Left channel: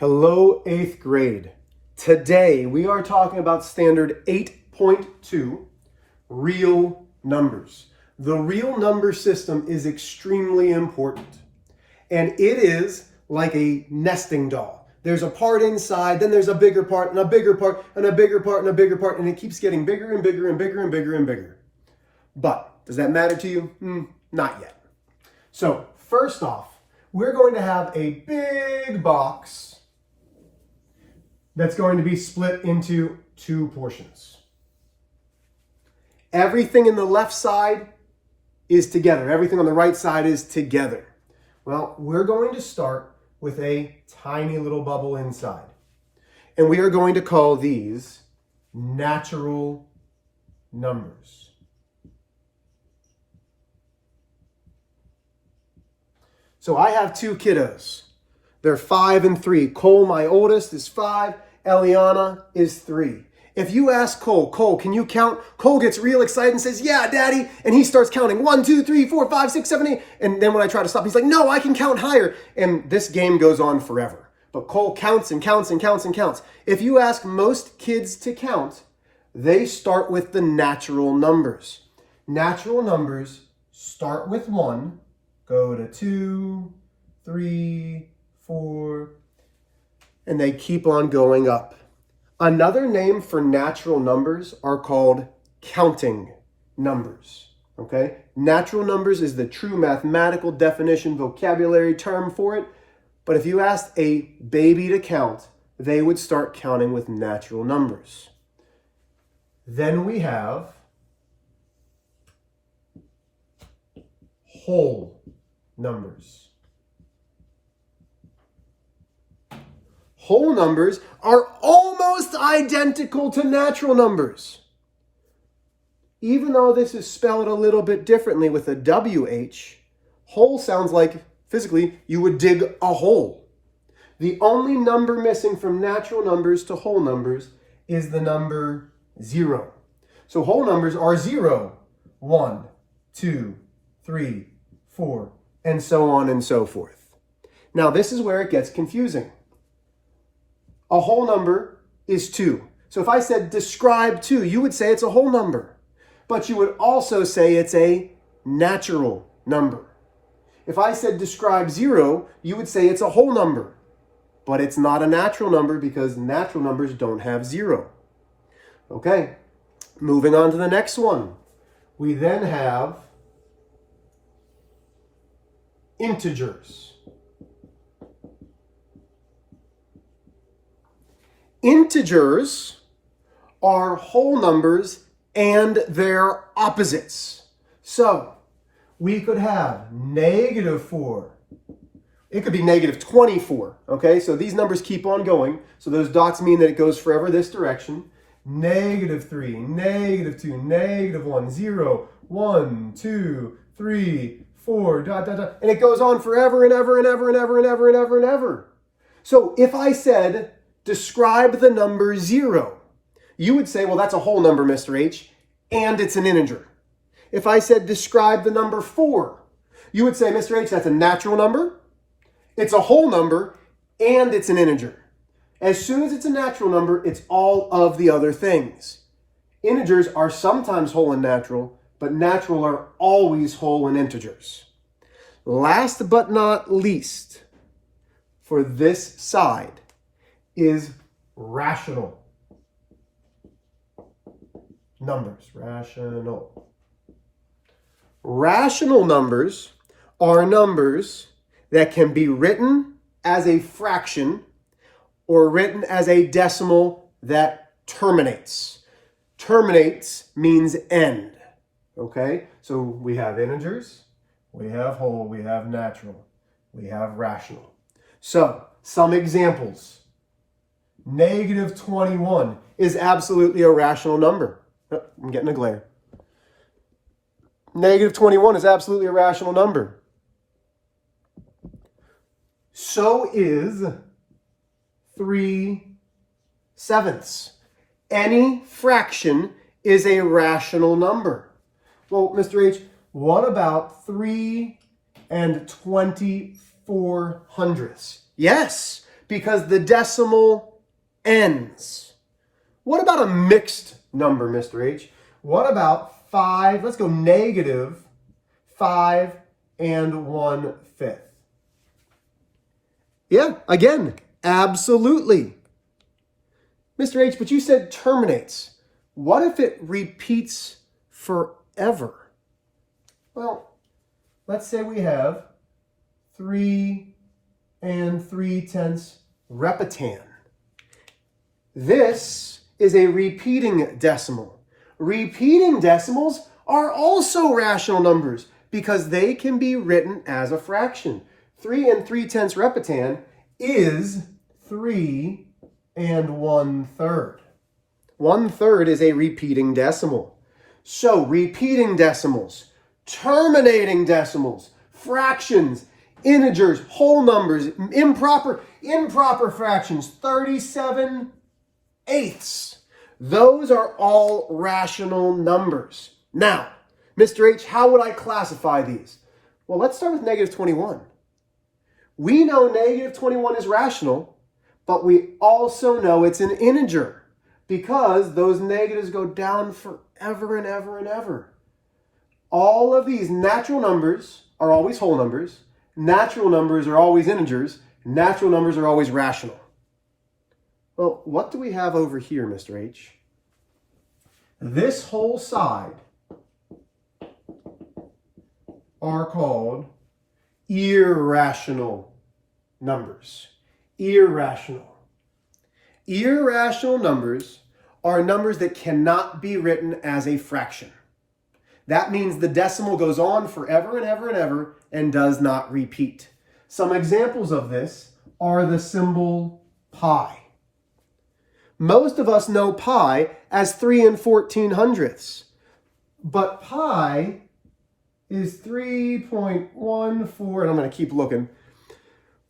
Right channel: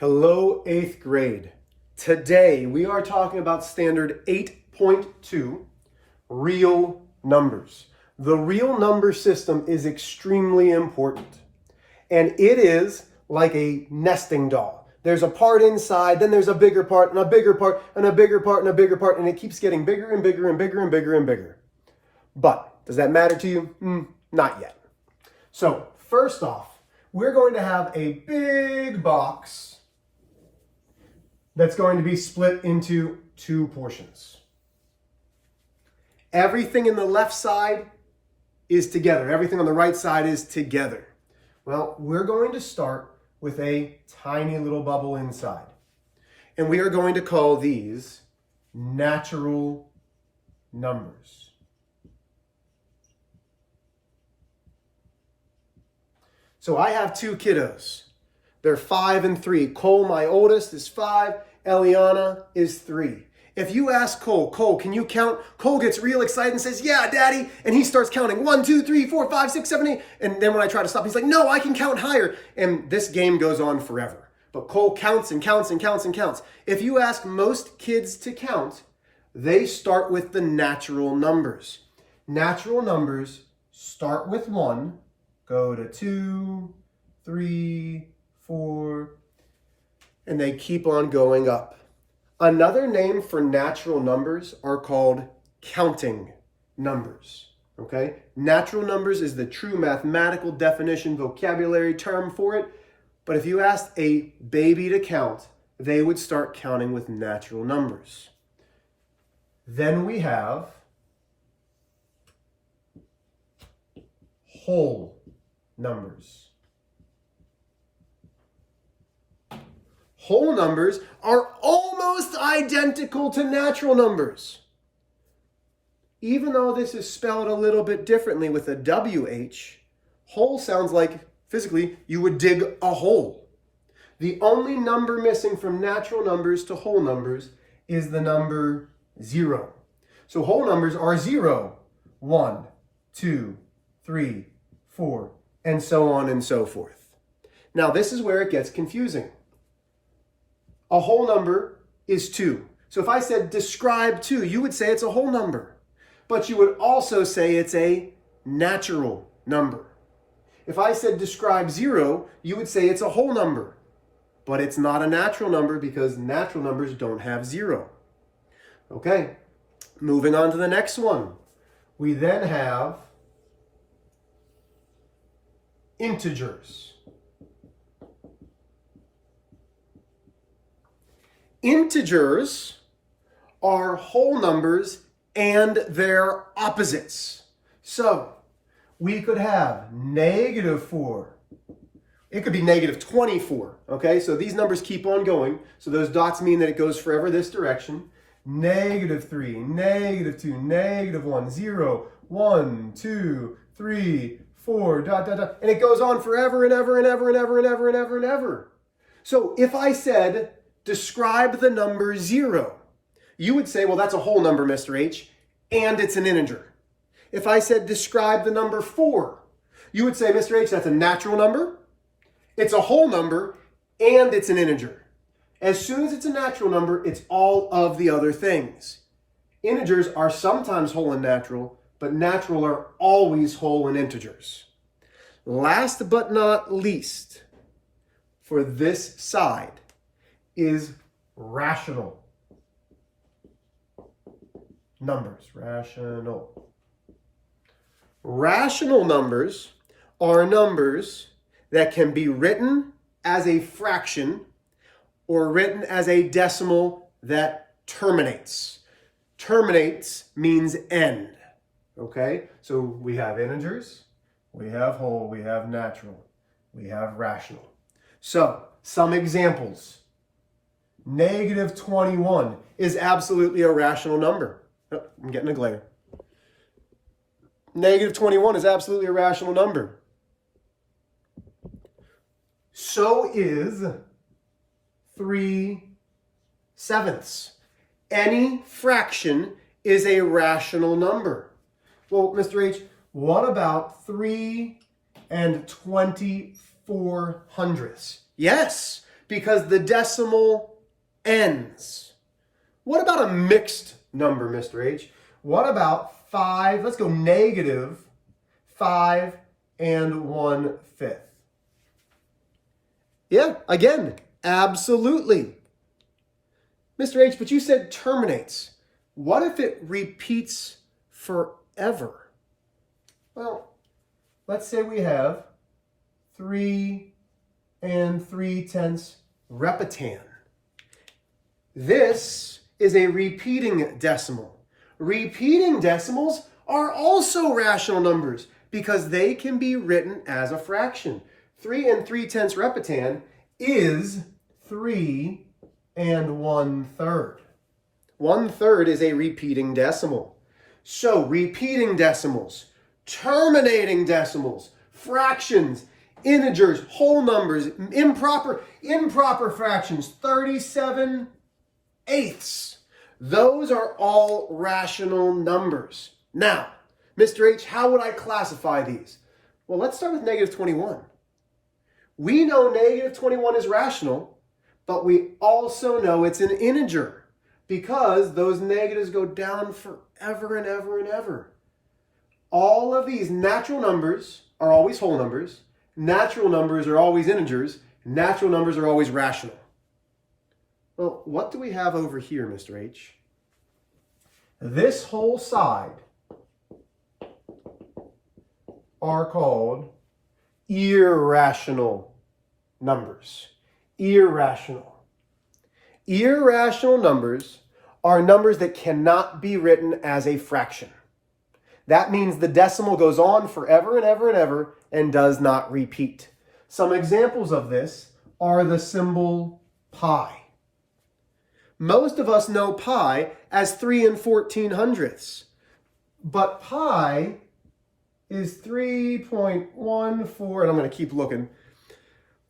Hello, 8th grade. Today we are talking about standard 8.2, real numbers. The real number system is extremely important, and it is like a nesting doll. There's a part inside, then there's a bigger part, and a bigger part, and a bigger part, and a bigger part, and it keeps getting bigger and bigger and bigger and bigger and bigger. But does that matter to you? Not yet. So first off, we're going to have a big box that's going to be split into two portions. Everything in the left side is together. Everything on the right side is together. Well, we're going to start with a tiny little bubble inside. And we are going to call these natural numbers. So I have two kiddos. They're 5 and 3. Cole, my oldest, is 5. Eliana is 3. If you ask Cole, can you count? Cole gets real excited and says, yeah, Daddy. And he starts counting 1, 2, 3, 4, 5, 6, 7, 8. And then when I try to stop, he's like, no, I can count higher. And this game goes on forever. But Cole counts and counts and counts and counts. If you ask most kids to count, they start with the natural numbers. Natural numbers start with 1, go to 2, 3, 4, and they keep on going up. Another name for natural numbers are called counting numbers, okay? Natural numbers is the true mathematical definition, vocabulary term for it. But if you asked a baby to count, they would start counting with natural numbers. Then we have whole numbers. Whole numbers are almost identical to natural numbers. Even though this is spelled a little bit differently with a WH, whole sounds like physically you would dig a hole. The only number missing from natural numbers to whole numbers is the number 0. So whole numbers are 0, 1, 2, 3, 4, and so on and so forth. Now this is where it gets confusing. A whole number is 2. So if I said describe 2, you would say it's a whole number. But you would also say it's a natural number. If I said describe 0, you would say it's a whole number. But it's not a natural number because natural numbers don't have 0. Okay, moving on to the next one. We then have integers. Integers are whole numbers and their opposites. So we could have -4. It could be -24. Okay, so these numbers keep on going. So those dots mean that it goes forever this direction. -3, -2, -1, 0, 1, 2, 3, 4, ... And it goes on forever and ever and ever and ever and ever and ever and ever. So if I said, describe the number 0, you would say, well, that's a whole number, Mr. H, and it's an integer. If I said, describe the number 4, you would say, Mr. H, that's a natural number, it's a whole number, and it's an integer. As soon as it's a natural number, it's all of the other things. Integers are sometimes whole and natural, but natural are always whole and integers. Last but not least, for this side, is rational numbers. Rational numbers are numbers that can be written as a fraction or written as a decimal that terminates. Terminates means end. Okay? So we have integers, we have whole, we have natural, we have rational. So some examples. -21 is absolutely a rational number. Oh, I'm getting a glare. -21 is absolutely a rational number. So is 3/7. Any fraction is a rational number. Well, Mr. H, what about 3 and 24 hundredths? Yes, because the decimal ends. What about a mixed number, Mr. H? What about 5, let's go negative 5 and 1/5? Yeah, again, absolutely. Mr. H, but you said terminates. What if it repeats forever? Well, let's say we have 3 and 3/10 repetan. This is a repeating decimal. Repeating decimals are also rational numbers because they can be written as a fraction. 3 and 3/10 repetan is 3 and 1/3. 1/3 is a repeating decimal. So repeating decimals, terminating decimals, fractions, integers, whole numbers, improper fractions, 37/8. Those are all rational numbers. Now, Mr. H, how would I classify these? Well, let's start with negative 21. We know negative 21 is rational, but we also know it's an integer because those negatives go down forever and ever and ever. All of these natural numbers are always whole numbers. Natural numbers are always integers. Natural numbers are always rational. Well, what do we have over here, Mr. H? This whole side are called irrational numbers. Irrational. Irrational numbers are numbers that cannot be written as a fraction. That means the decimal goes on forever and ever and ever and does not repeat. Some examples of this are the symbol pi. Most of us know pi as 3 and 14/100ths, but pi is 3.14, and I'm going to keep looking,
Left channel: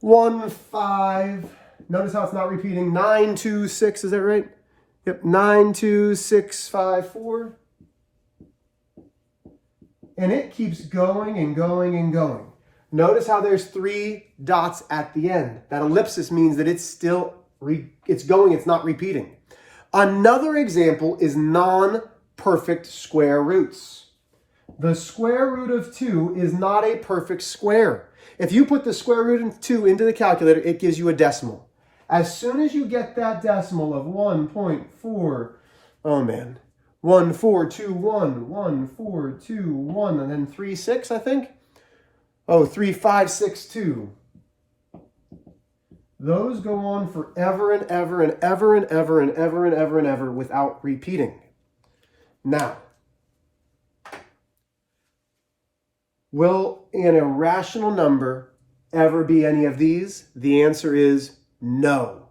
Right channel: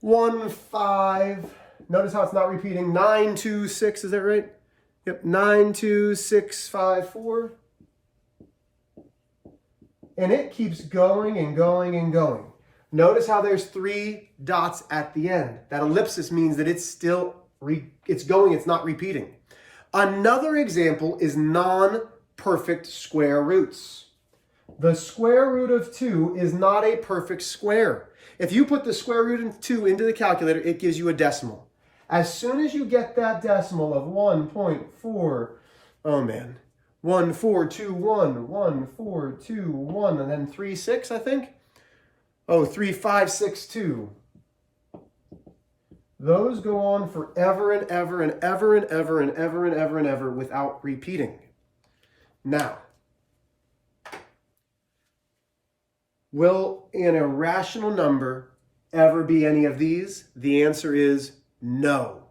15, notice how it's not repeating, 926, is that right? Yep, 92654. And it keeps going and going and going. Notice how there's 3 dots at the end. That ellipsis means that it's still, it's going, it's not repeating. Another example is non-perfect square roots. The square root of 2 is not a perfect square. If you put the square root of 2 into the calculator, it gives you a decimal. As soon as you get that decimal of 1.4, oh man, 1421, 1421, and then 36, I think. Oh, 3562. Those go on forever and ever and ever and ever and ever and ever and ever without repeating. Now, will an irrational number ever be any of these? The answer is no.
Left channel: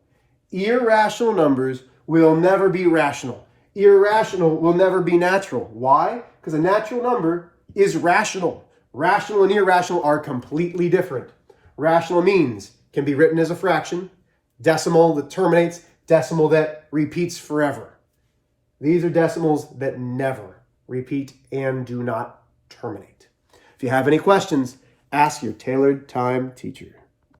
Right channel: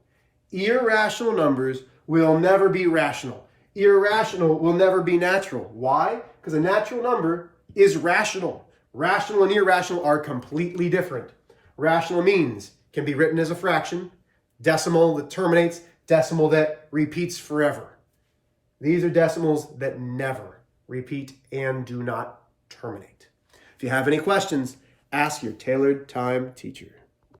Irrational numbers will never be rational. Irrational will never be natural. Why? Because a natural number is rational. Rational and irrational are completely different. Rational means can be written as a fraction, decimal that terminates, decimal that repeats forever. These are decimals that never repeat and do not terminate. If you have any questions, ask your tailored time teacher.